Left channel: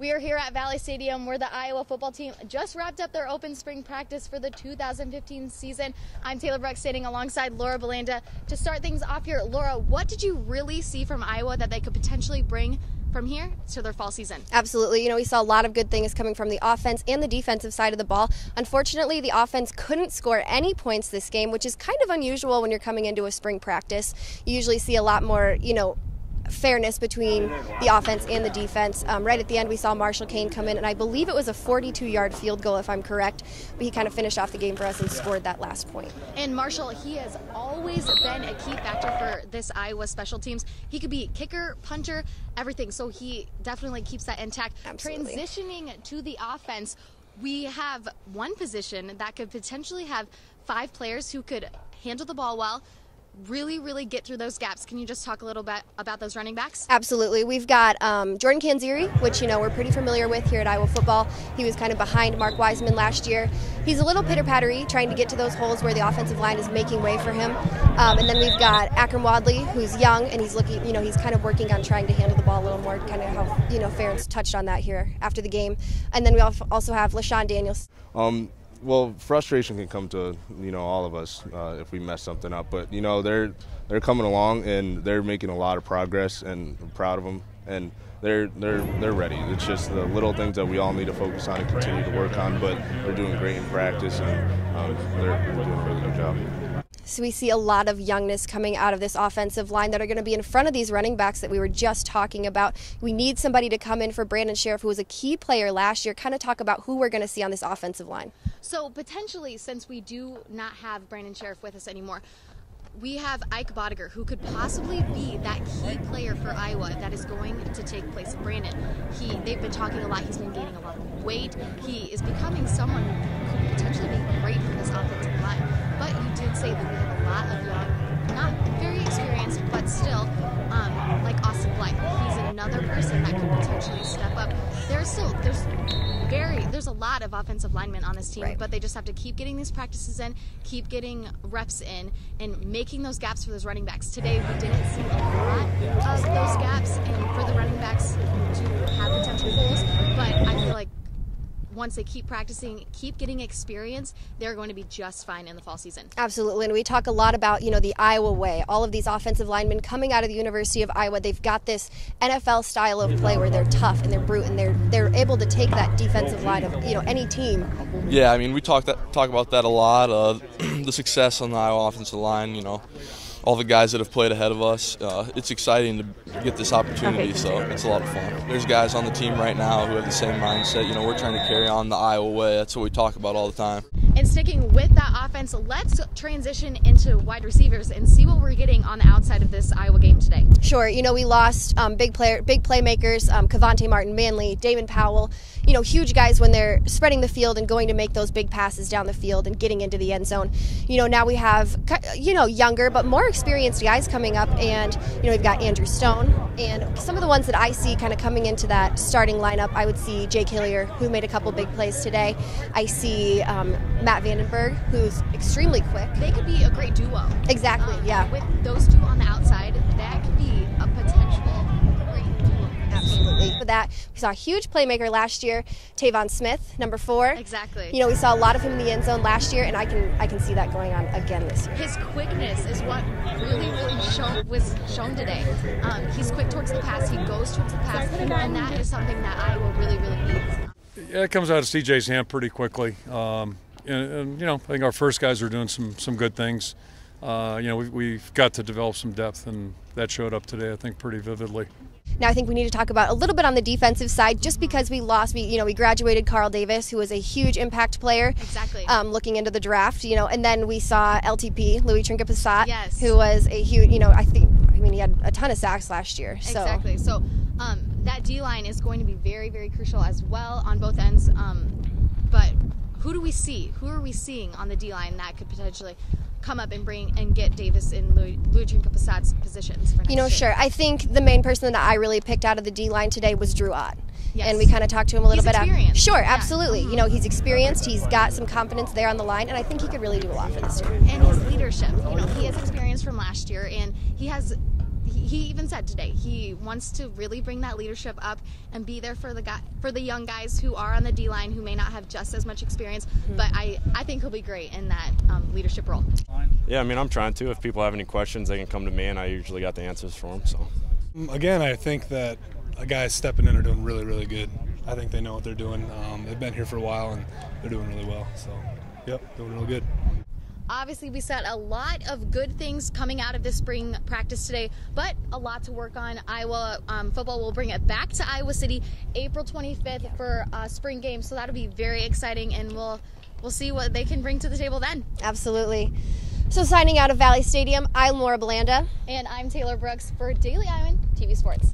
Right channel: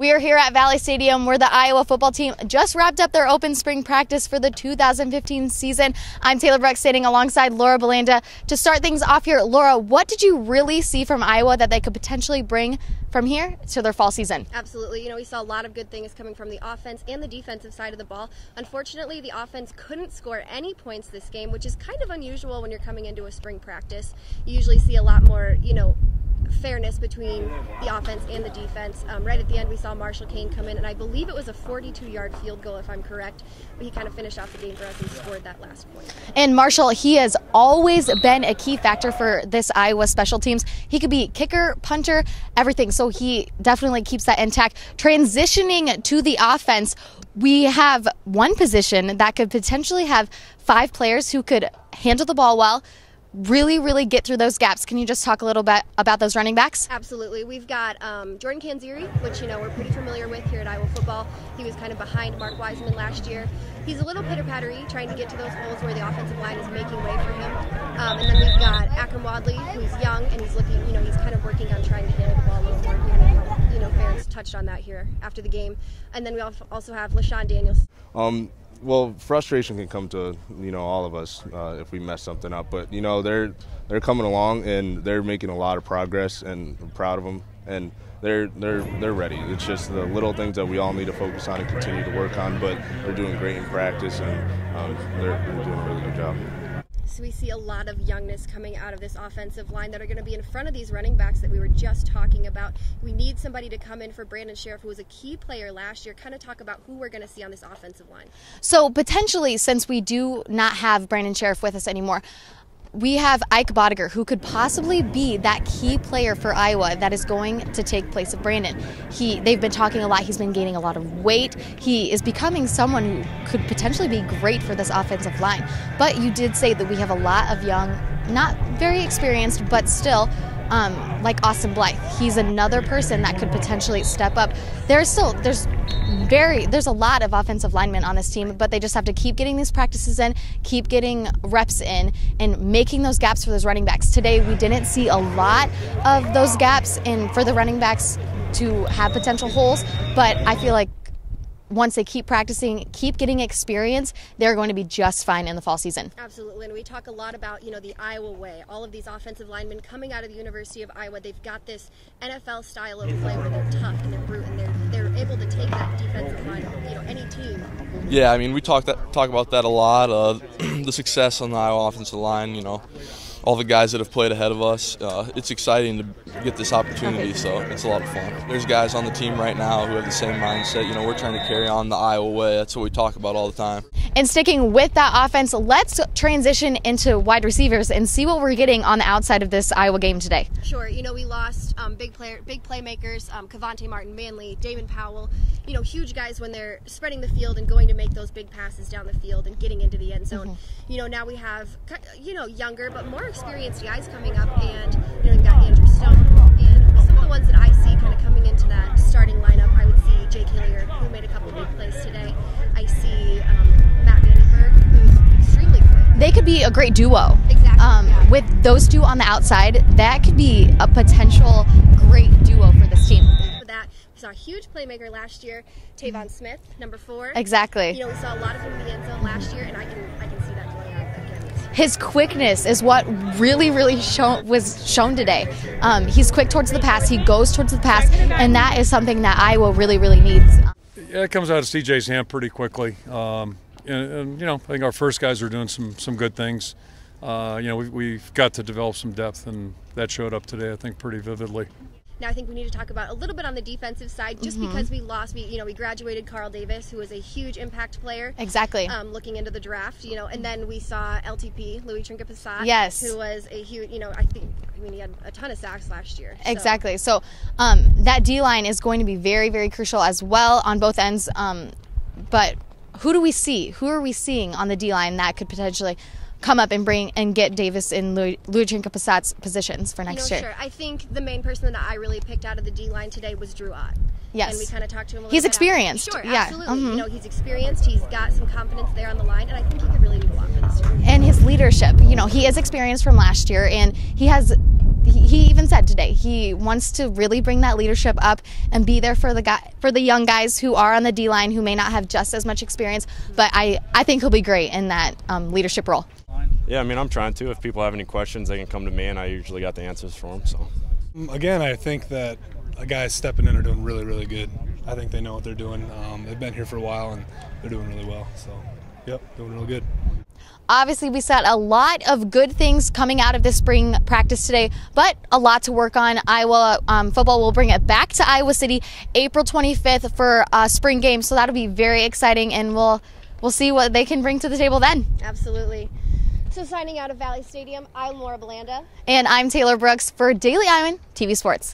We are here at Valley Stadium where the Iowa football team just wrapped up their open spring practice for the 2015 season. I'm Taylor Breck standing alongside Laura Belanda. To start things off here, Laura, what did you really see from Iowa that they could potentially bring from here to their fall season? Absolutely. We saw a lot of good things coming from the offense and the defensive side of the ball. Unfortunately, the offense couldn't score any points this game, which is kind of unusual when you're coming into a spring practice. You usually see a lot more, fairness between the offense and the defense. Right at the end, we saw Marshall Kane come in, and I believe it was a 42-yard field goal, if I'm correct. But he kind of finished off the game for us and scored that last point. And Marshall, he has always been a key factor for this Iowa special teams. He could be kicker, punter, everything. So he definitely keeps that intact. Transitioning to the offense, we have one position that could potentially have 5 players who could handle the ball well, really get through those gaps. Can you just talk a little bit about those running backs? Absolutely. We've got Jordan Canzeri, which we're pretty familiar with here at Iowa football. He was kind of behind Mark Wiseman last year. He's a little pitter-pattery, trying to get to those holes where the offensive line is making way for him. And then we've got Akram Wadley, who's young, and he's looking, he's kind of working on trying to handle the ball a little more, kind of how, Ferentz touched on that here after the game. And then we also have LaShawn Daniels. Well, frustration can come to all of us if we mess something up. But they're coming along and they're making a lot of progress, and I'm proud of them. And they're ready. It's just the little things that we all need to focus on and continue to work on. But they're doing great in practice, and they're doing a really good job. So we see a lot of youngness coming out of this offensive line that are going to be in front of these running backs that we were just talking about. We need somebody to come in for Brandon Sheriff, who was a key player last year, kind of talk about who we're going to see on this offensive line. So potentially, since we do not have Brandon Sheriff with us anymore, we have Ike Bodiger, who could possibly be that key player for Iowa that is going to take place of Brandon. They've been talking a lot. He's been gaining a lot of weight. He is becoming someone who could potentially be great for this offensive line. But you did say that we have a lot of young, not very experienced, but still, like Austin Blythe. He's another person that could potentially step up. There's a lot of offensive linemen on this team, but they just have to keep getting these practices in, keep getting reps in, and making those gaps for those running backs. Today, we didn't see a lot of those gaps for the running backs to have potential holes, but I feel like once they keep practicing, keep getting experience, they're going to be just fine in the fall season. Absolutely, and we talk a lot about, the Iowa way. All of these offensive linemen coming out of the University of Iowa, they've got this NFL style of play where they're tough and they're brute and they're able to take that defensive line of, any team. Yeah, we talk about that a lot, the success on the Iowa offensive line, all the guys that have played ahead of us. It's exciting to get this opportunity, so it's a lot of fun. There's guys on the team right now who have the same mindset. We're trying to carry on the Iowa way. That's what we talk about all the time. And sticking with that offense, let's transition into wide receivers and see what we're getting on the outside of this Iowa game today. Sure. We lost big playmakers, Cavante Martin, Manley, Damon Powell. Huge guys when they're spreading the field and going to make those big passes down the field and getting into the end zone. Now we have, younger but more experienced guys coming up, and we've got Andrew Stone, and some of the ones that I see kind of coming into that starting lineup. I would see Jake Hillier, who made a couple big plays today. I see Matt Vandenberg, who's extremely quick. They could be a great duo. Exactly. Yeah. With those two on the outside, that could be a potential great duo for this team. For that, we saw a huge playmaker last year, Tavon Smith, number 4. Exactly. We saw a lot of him in the end zone last year, and I can see that going on again this year. His quickness is what really was shown today. He's quick towards the pass. He goes towards the pass, and that is something that Iowa really needs. Yeah, it comes out of CJ's hand pretty quickly. And I think our first guys are doing some good things. We've got to develop some depth, and that showed up today, I think, pretty vividly. Now I think we need to talk about a little bit on the defensive side, just because we lost. We graduated Carl Davis, who was a huge impact player. Exactly. Looking into the draft, and then we saw LTP, Louis Trinket-Passat, yes, who was a huge, he had a ton of sacks last year. So. Exactly. So that D-line is going to be very crucial as well on both ends. But who do we see? Who are we seeing on the D-line that could potentially come up and bring and get Davis in Louis Trinket-Passat's positions for next year? Sure. I think the main person that I really picked out of the D-line today was Drew Ott. Yes. And we kind of talked to him a little bit. He's experienced. Sure, absolutely. Yeah. He's experienced. He's got some confidence there on the line, and I think he could really do a lot for this team. And his leadership. He is experienced from last year, and he has he even said today he wants to really bring that leadership up and be there for the young guys who are on the D-line who may not have just as much experience, but I think he'll be great in that leadership role. Yeah, I mean, I'm trying to. If people have any questions, they can come to me, and I usually got the answers for them. So, again, I think that the guys stepping in are doing really, really good. I think they know what they're doing. They've been here for a while, and they're doing really well. So, yep, doing real good. Obviously, we saw a lot of good things coming out of this spring practice today, but a lot to work on. Iowa football will bring it back to Iowa City April 25th for a spring game, so that'll be very exciting, and we'll see what they can bring to the table then. Absolutely. So signing out of Valley Stadium, I'm Laura Belanda. And I'm Taylor Brooks for Daily Iowan TV Sports.